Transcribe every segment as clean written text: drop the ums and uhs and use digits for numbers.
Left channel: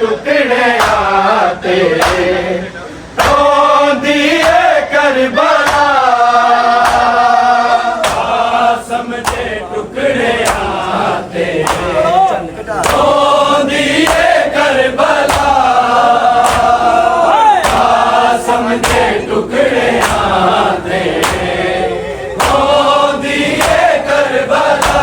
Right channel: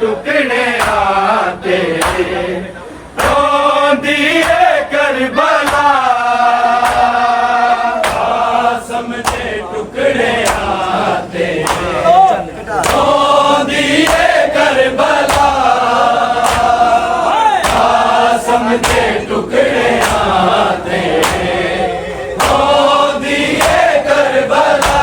टुकड़ियां ते रोंदी है करबला कासम दे टुकड़ियां ते रोंदी है करबला कासम दे टुकड़ियां ते रोंदी है करबला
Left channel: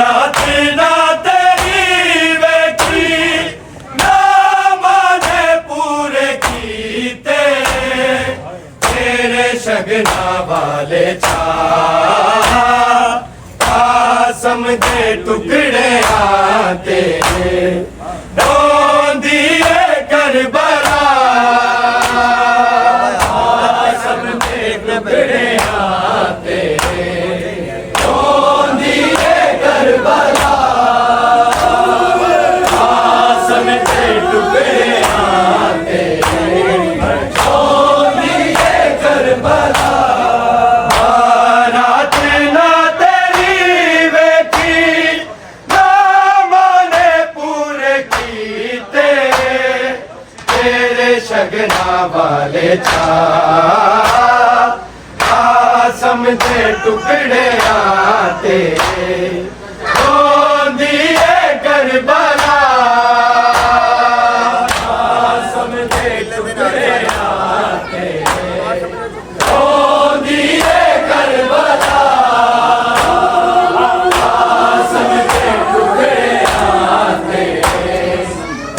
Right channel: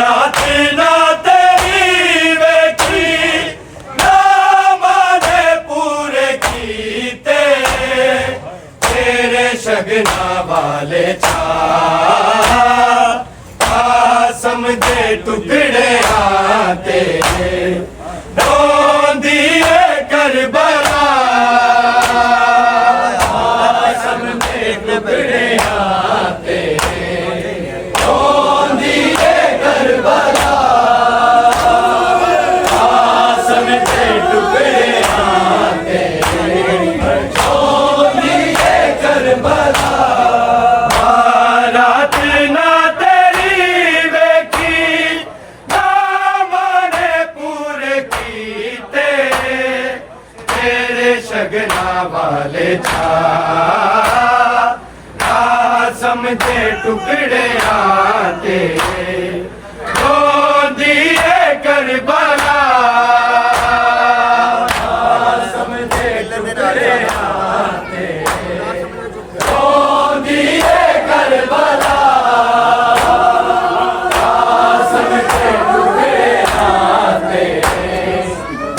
रात ना तेरी वेखी ना माने पूरे कीते तेरे शगना वाले छा कासम दे टुकड़ियां ते रोंदी है करबला कासम दे टुकड़ियां ते रोंदी है करबला कासम दे टुकड़ियां ते रोंदी है करबला रात ना तेरी वेखी ना माने पूरे कीते तेरे शगना वाले छा कासम दे टुकड़ियां ते रोंदी है करबला कासम दे टुकड़ियां ते रोंदी है करबला कासम दे टुकड़ियां ते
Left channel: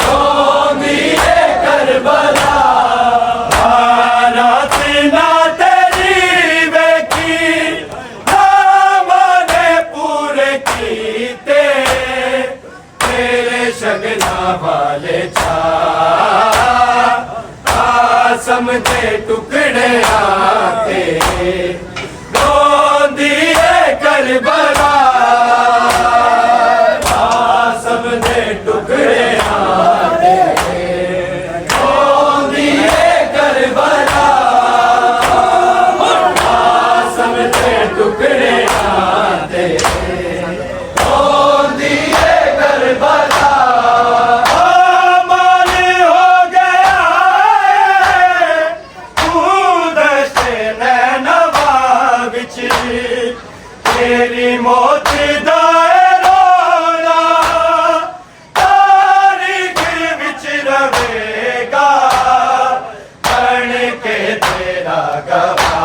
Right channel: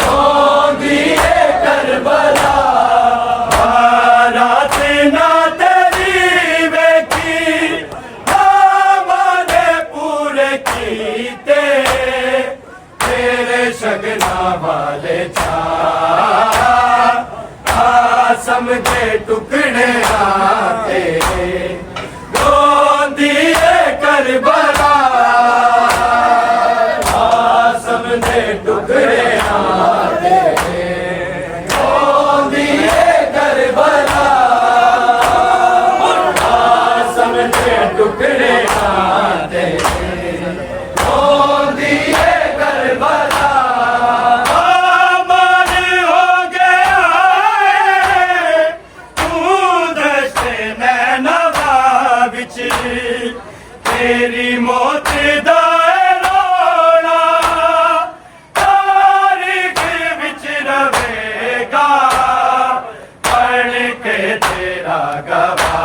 रोंदी है करबला रात ना तेरी वेखी ना माने पूरे कीते तेरे शगना वाले छा कासम दे टुकड़ियां ते रोंदी है करबला कासम दे टुकड़ियां ते रोंदी है करबला कासम दे टुकड़ियां ते रोंदी है करबला माली हो गया तू दशे नैनवा बिच तेरी मौत दा रोना तारीख विच रवेगा बन के तेरा गवाह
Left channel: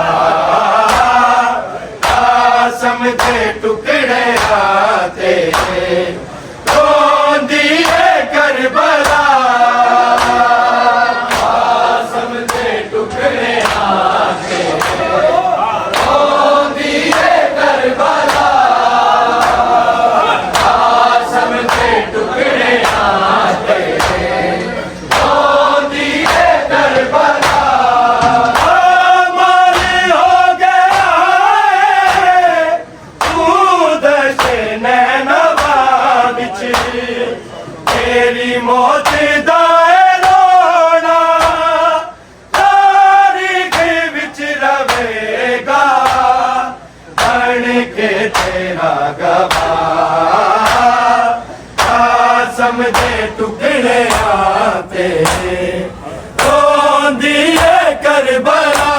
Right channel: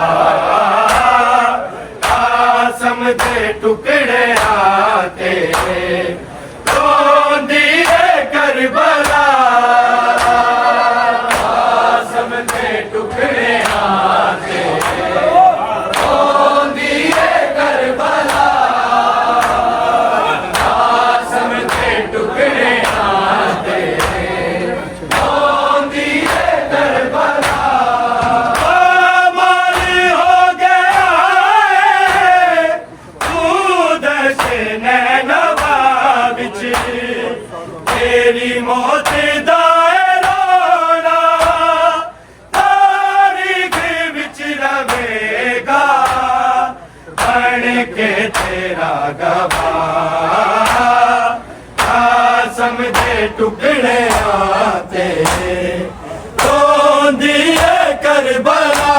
कासम दे टुकड़ियां ते रोंदी है करबला कासम दे टुकड़ियां ते रोंदी है करबला कासम दे टुकड़ियां ते रोंदी है करबला माली हो गया तू दशे नैनवा बिच तेरी मौत दा रोना तारीख विच रवेगा बन के तेरा गवाह कासम दे टुकड़ियां ते रोंदी है करबला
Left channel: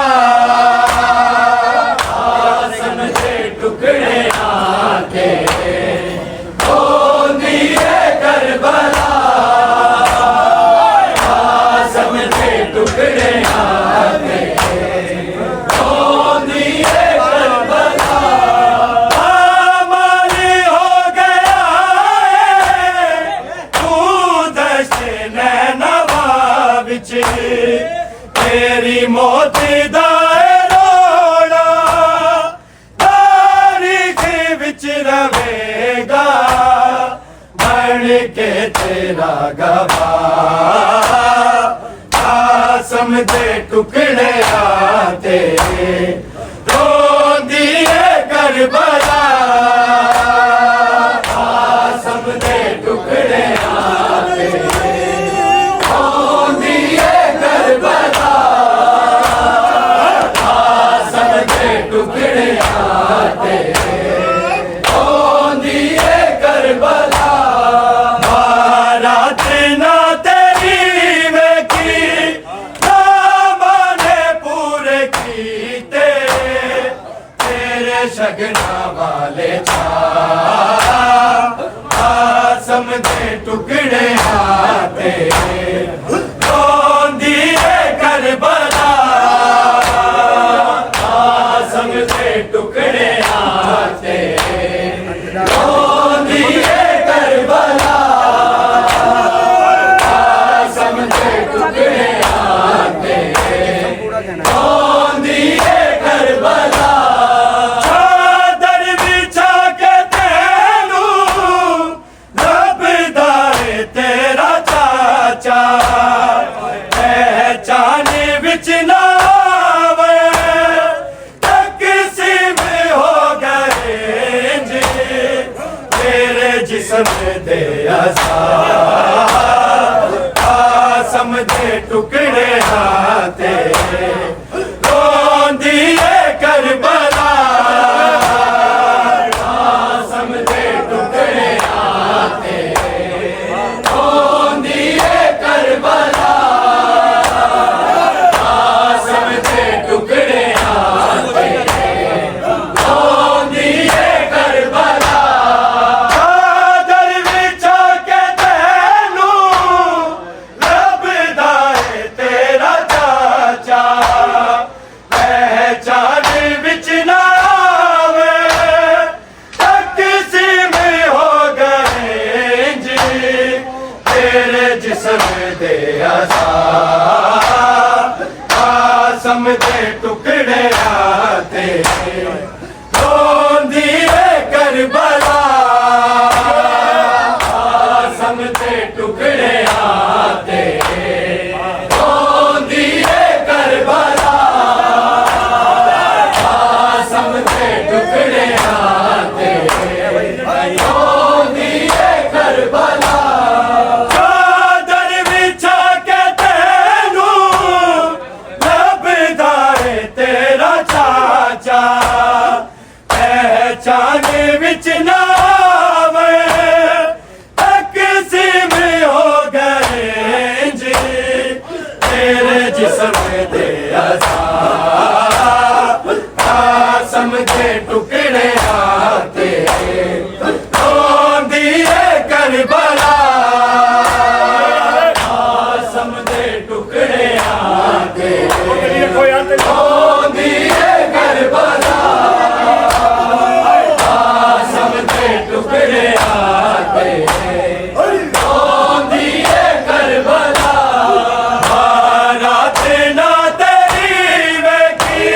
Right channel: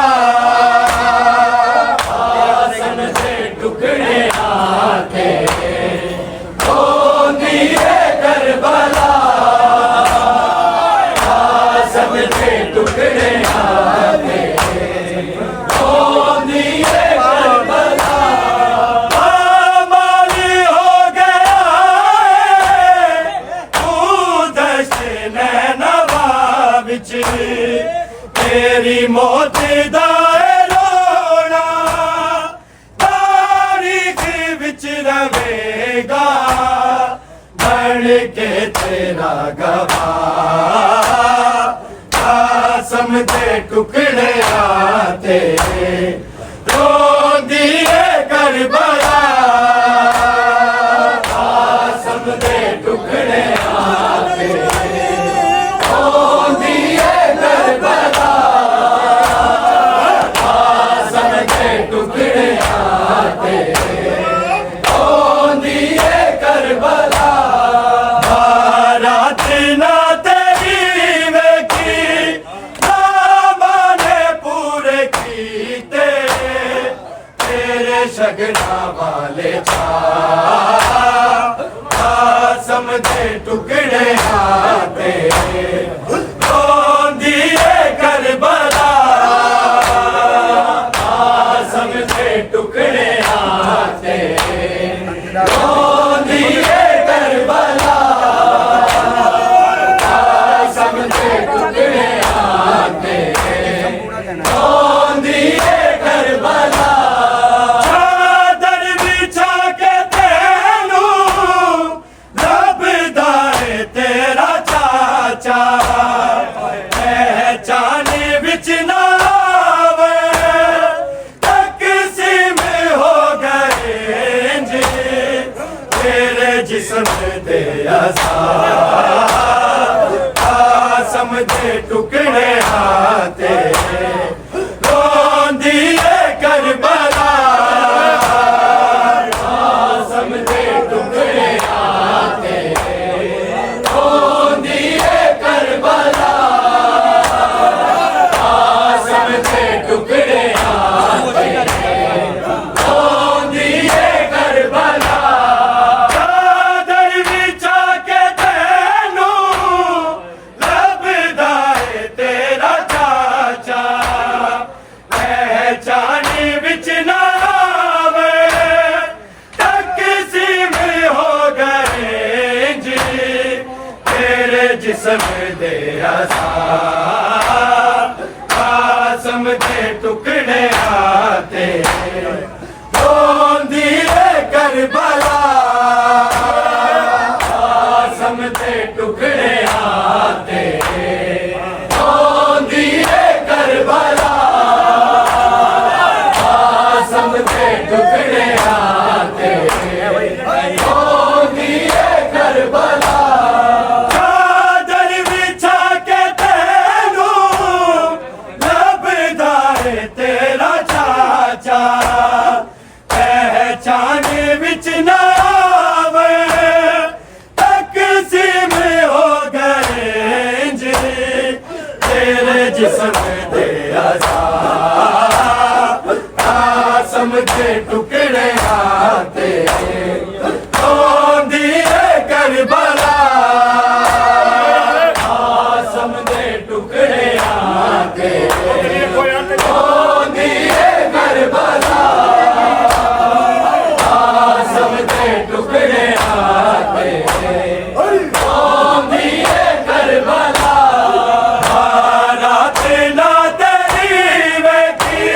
कासम दे टुकड़ियां ते रोंदी है करबला कासम दे टुकड़ियां ते रोंदी है करबला माली हो गया तू दशे नैनवा बिच तेरी मौत दा रोना तारीख विच रवेगा बन के तेरा गवाह कासम दे टुकड़ियां ते रोंदी है करबला कासम दे टुकड़ियां ते रोंदी है करबला कासम दे टुकड़ियां ते रोंदी है करबला रात शगना वाले आसम दे टुकड़े आते दिए करबला आसम दे टुकड़े आते दिए करबला आसम दे टुकड़े आते दिए करबला चादर बिछा के तेनू लभदाए तेरा चाचा पहचाने बिच ना आवे तकसीम हो गए जी तेरे जिस्म दे आसम दे टुकड़े आते दिए करबला आसम दे टुकड़े आते दिए करबला आसम दे टुकड़े आते दिए करबला चादर बिछा के तेनू लभदाए तेरा चाचा पहचान बिच ना आवे तकसीम हो गए जी तेरे जिस्म दे आसम दे टुकड़े आते दिए करबला आसम दे टुकड़े आते दिए करबला आसम दे टुकड़े आते दिए करबला चादर बिछा के तेनू लभदाए तेरा चाचा पहचान बिच ना आवे तकसीम हो गए जी तेरे जिस्म दे आसम दे टुकड़े आते दिए करबला आसम दे टुकड़े आते दिए करबला आसम दे टुकड़े आते दिए करबला रात ना तेरी वेखी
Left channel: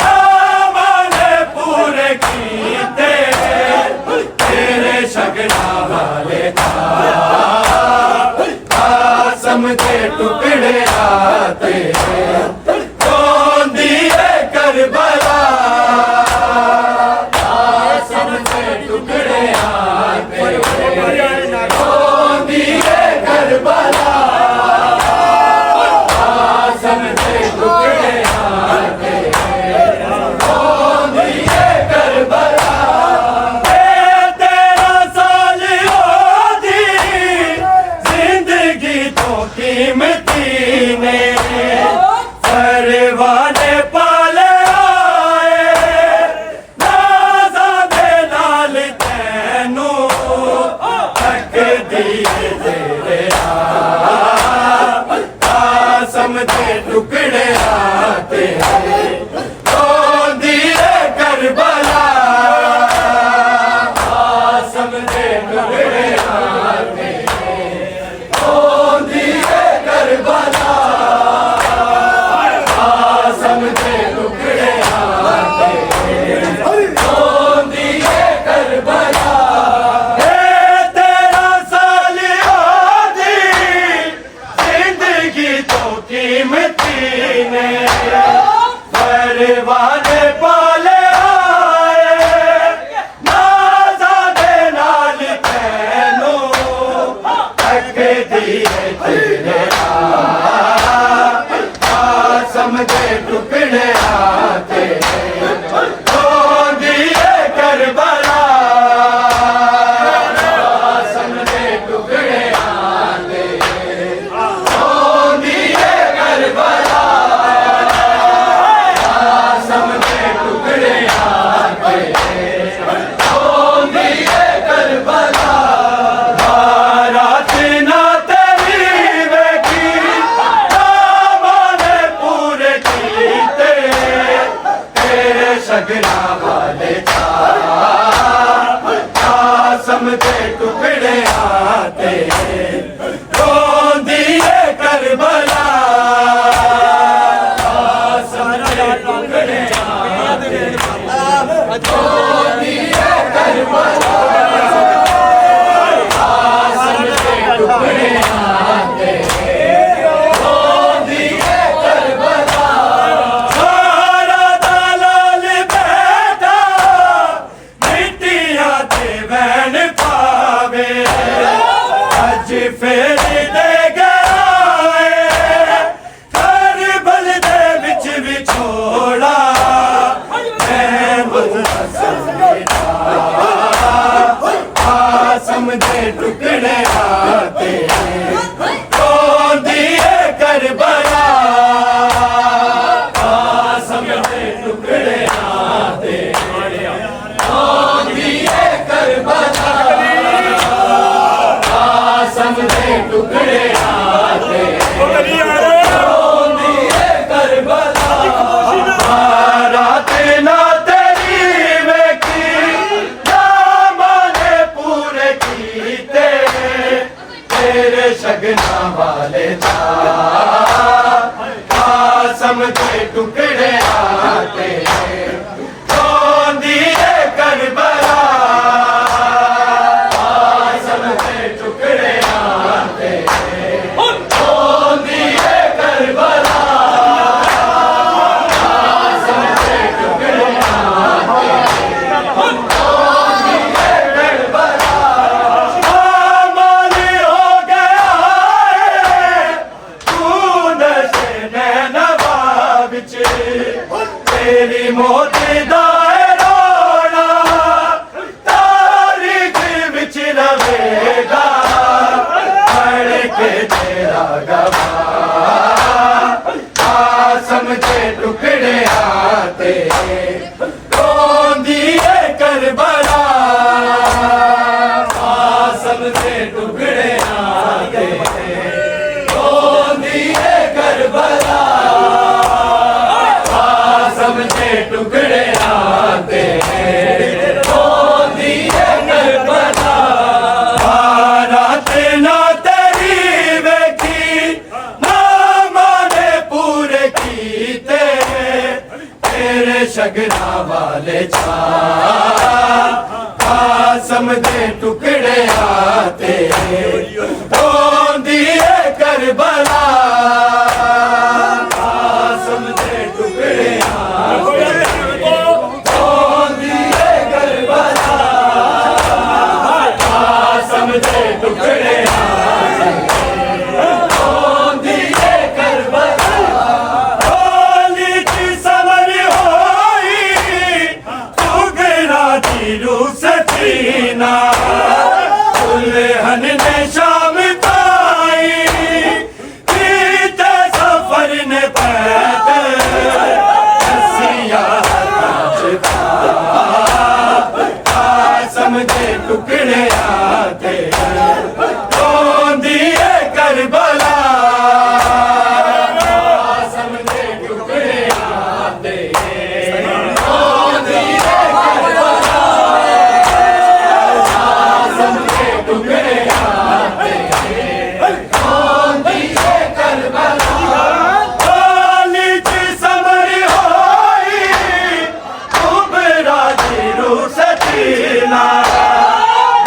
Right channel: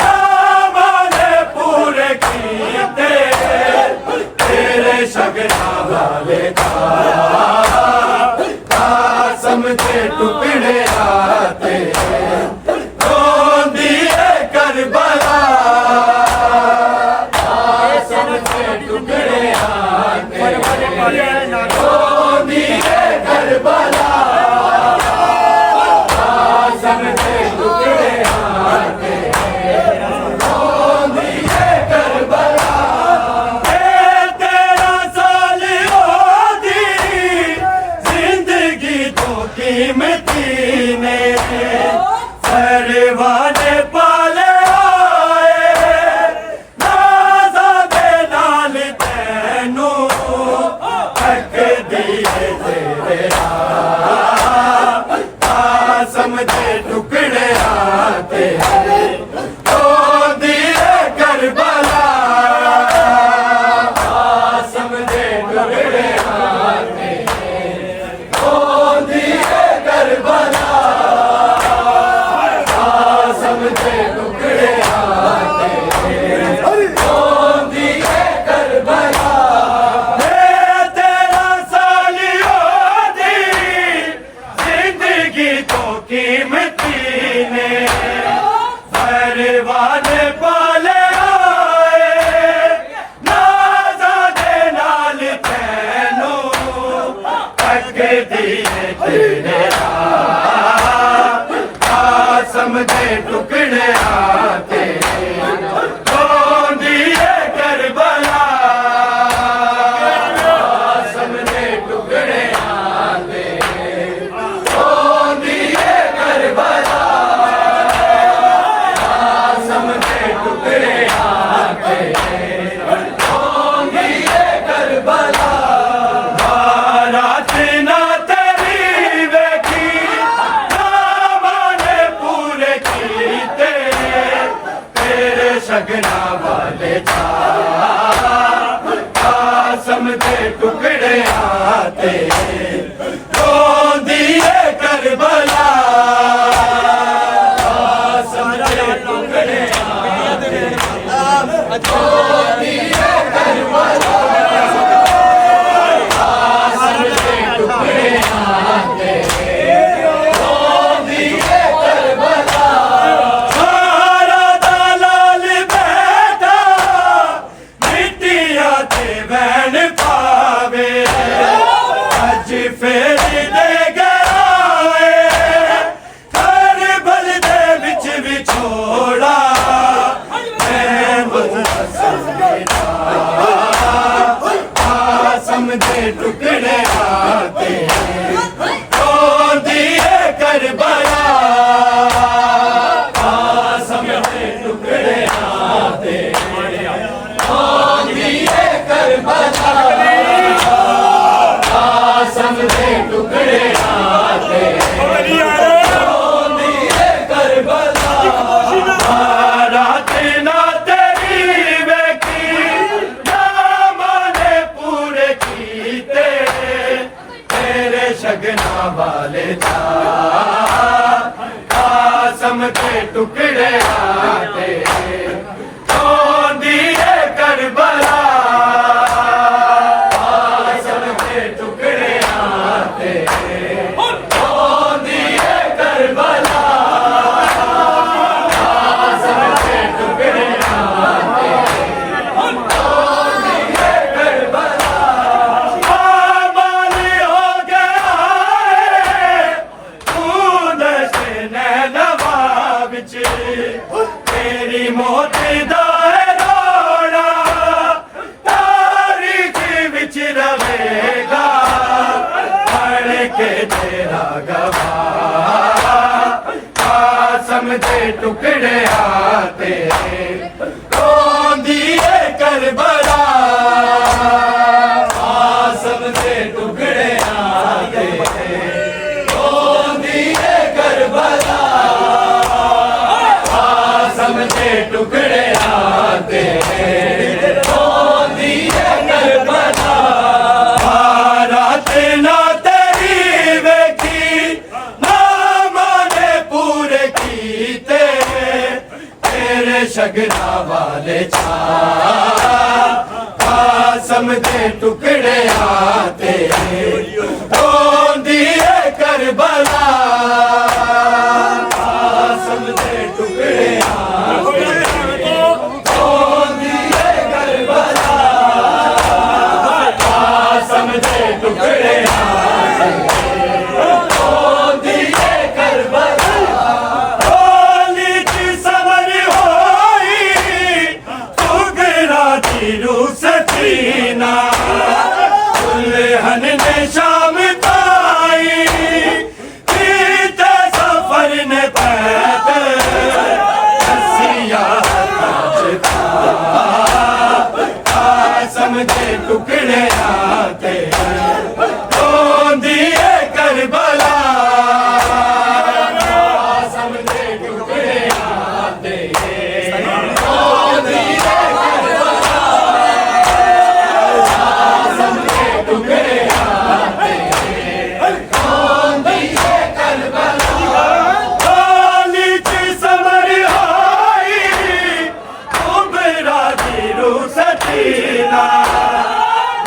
नामाने पूरे कीते तेरे शगना वाले आसम दे टुकड़े आते दिए करबला आसम दे टुकड़े आते दिए करबला आसम दे टुकड़े आते दिए करबला तेरा साल होदी जिंदगी तो कीमती ने परवाने पाले आए नाज़ा दे नाल तैनू तक दिए तेरे आसम दे टुकड़े आते दिए करबला आसम दे टुकड़े आते दिए करबला आसम दे टुकड़े आते दिए करबला तेरा साल होदी जिंदगी तो कीमती ने परवाने पाले आए नाज़ा दे नाल तैनू तक दिए तेरे आसम दे टुकड़े आते दिए करबला आसम दे टुकड़े आते दिए करबला आसम दे टुकड़े आते टुकड़े आते रोंदी है करबला कासम के टुकड़े आते रोंदी है करबला कासम के टुकड़े आते रोंदी है करबला सारा दलाल बैठा मिट्टियां ते बहन पावे अज फेर दे गए करबल दे विच विछोड़ा कासम दे टुकड़े आते रोंदी है करबला कासम दे टुकड़े आते रोंदी है करबला कासम दे टुकड़े आते रोंदी है करबला रात ना तेरी वेखी ना माने पूरे कीते तेरे शगना वाले था कासम के टुकड़े आते रोंदी है करबला कासम के टुकड़े आते रोंदी है करबला कासम के टुकड़े आते रोंदी है करबला माली हो गया है तू नशे नैनवा विच तेरी मौत दा रोना तारीख विच रवेगा पढ़ के तेरा गवाह कासम के टुकड़े आते रोंदी है करबला कासम के टुकड़े आते रोंदी है करबला कासम के टुकड़े आते रोंदी है करबला रात ना तेरी वेखी ना माने पूरे कीते तेरे शगना वाले छा कासम दे टुकड़े आते रोंदी है करबला कासम दे टुकड़े आते रोंदी है करबला कासम दे टुकड़े आते रोंदी है करबला होली की समर होई टुकड़ा दी रूह सकीना दुल्हन ने शाम पाई कीते सफर ने पैदल रस्सियां ताजता कासम के टुकड़े आते रोंदी है करबला कासम के टुकड़े आते रोंदी है करबला कासम के टुकड़े आते रोंदी है करबला होली की समर होई कुबरा दी रूह सकीना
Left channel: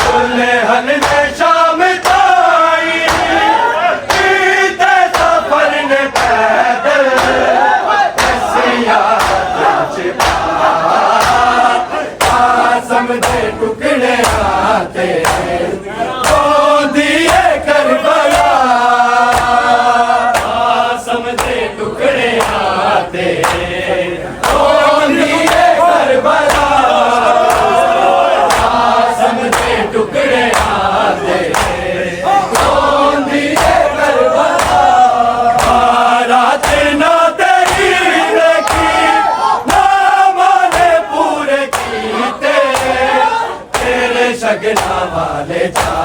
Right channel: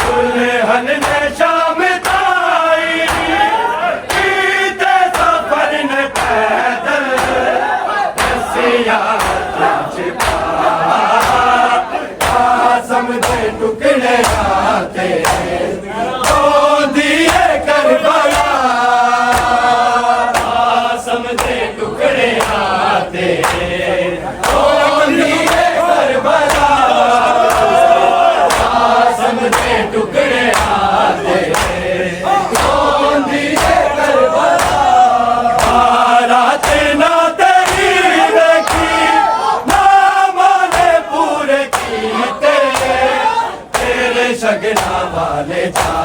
दुल्हन ने शाम ताई कीते सफर ने पैदल रस्सियां ताजता कासम दे टुकड़े आते रोंदी है करबला कासम दे टुकड़े आते रोंदी है करबला कासम दे टुकड़े आते रोंदी है करबला रात ना तेरी वेखी ना माने पूरे कीते तेरे शगना वाले छा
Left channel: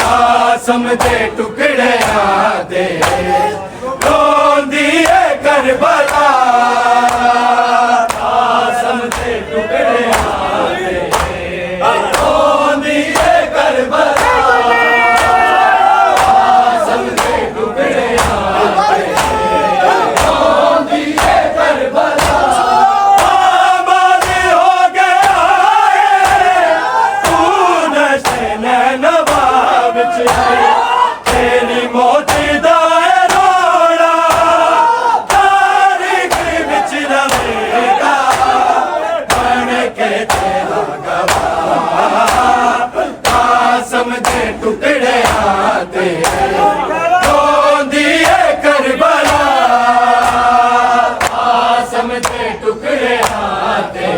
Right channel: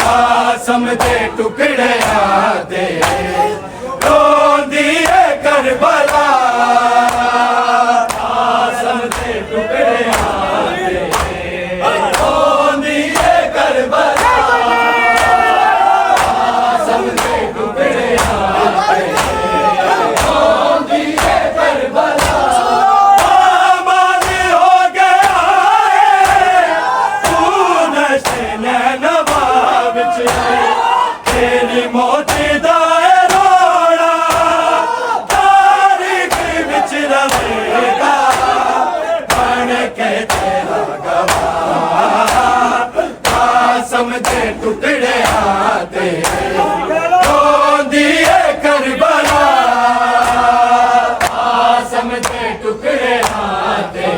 कासम दे टुकड़े आते रोंदी है करबला कासम दे टुकड़े आते रोंदी है मौत दा रोड़ा तारीख विच रवेगा बन के तेरा गवाह कासम दे टुकड़े आते रोंदी है करबला कासम दे टुकड़े आते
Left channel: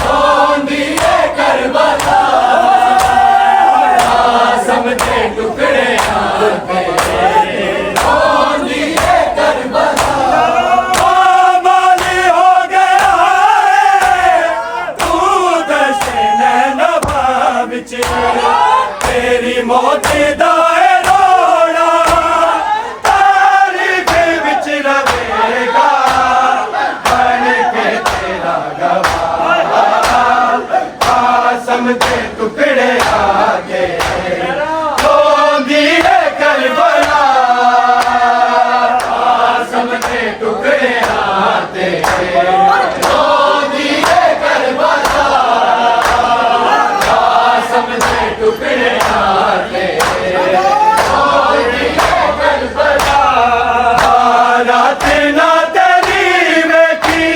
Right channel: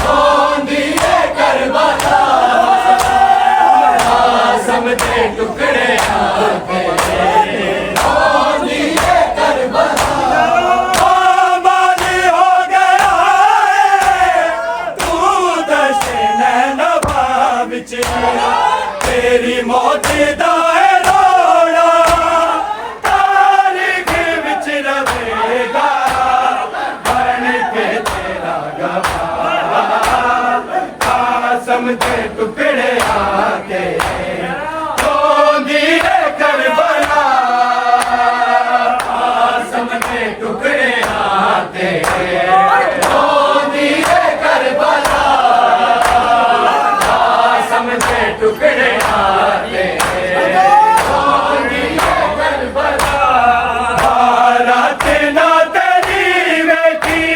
रोंदी है करबला कासम दे टुकड़े आते रोंदी है करबला माल हो गया है तू दशे नैनवा विच तेरी मौत दा रोड़ा तारीख विच रवेगा बन के तेरा गवाह कासम के टुकड़े आके रोंदी है करबला कासम के टुकड़े आते रोंदी है करबला कासम के टुकड़े आते रोंदी है करबला रात ना तेरी वेखी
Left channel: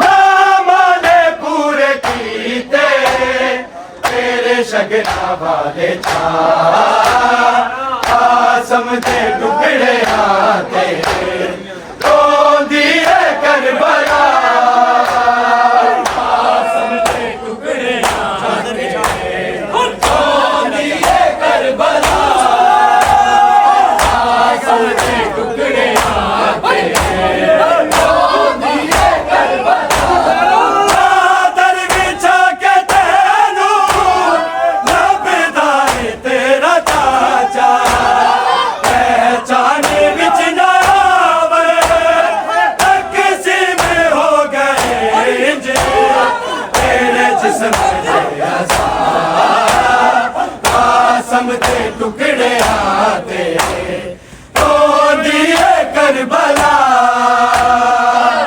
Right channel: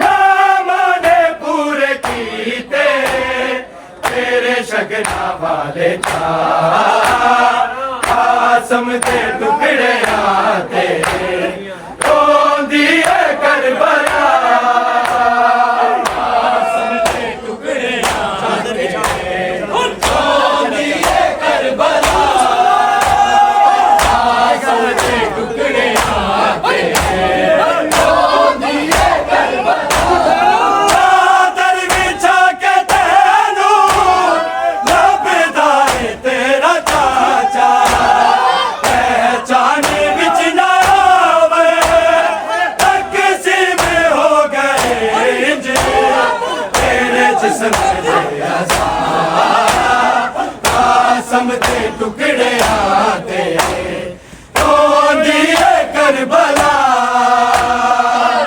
मामा ने पूरे कीते तेरे शगना वाले था कासम के टुकड़े आते रोंदी है करबला कासम के टुकड़े आते रोंदी है करबला कासम के टुकड़े आते रोंदी है करबला चादर बिछा के तैनू लभदा है तेरा चाचा पहचान विच ना आवे तकसीम हो गए जे तेरे जिस्म दे आसार कासम के टुकड़े आते रोंदी है करबला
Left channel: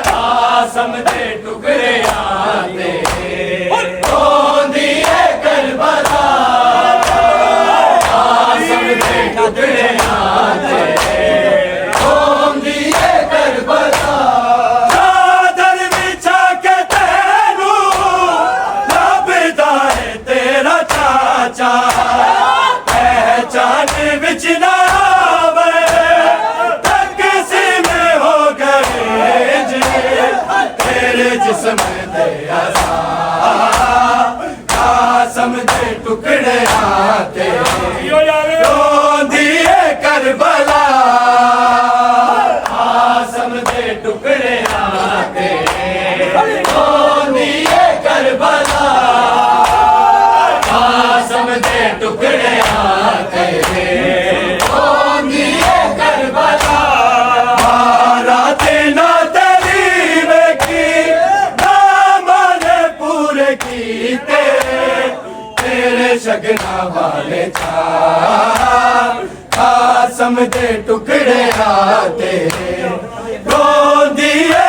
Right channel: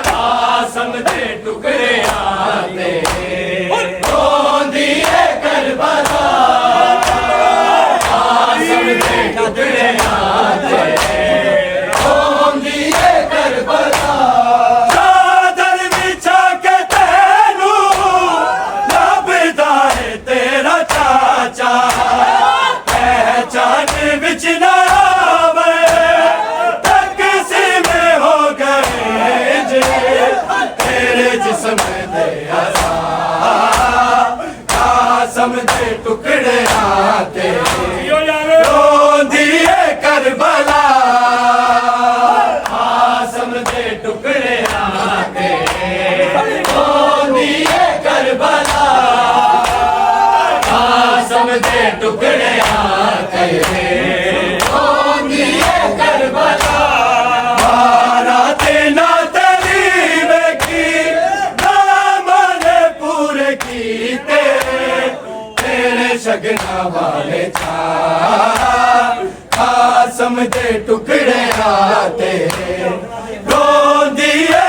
कासम के टुकड़े आते रोंदी है करबला कासम के टुकड़े आते रोंदी है करबला चादर बिछा के तैनू लभदा है तेरा चाचा पहचान विच ना आवे तकसीम हो गए जे तेरे जिस्म दे आसार कासम के टुकड़े आते रोंदी है करबला कासम के टुकड़े आते रोंदी है करबला कासम के टुकड़े आते रोंदी है करबला रात ना तेरी वेखी नामा ने पूरे कीते तेरे शगना वाले था कासम के टुकड़े आते रोंदी है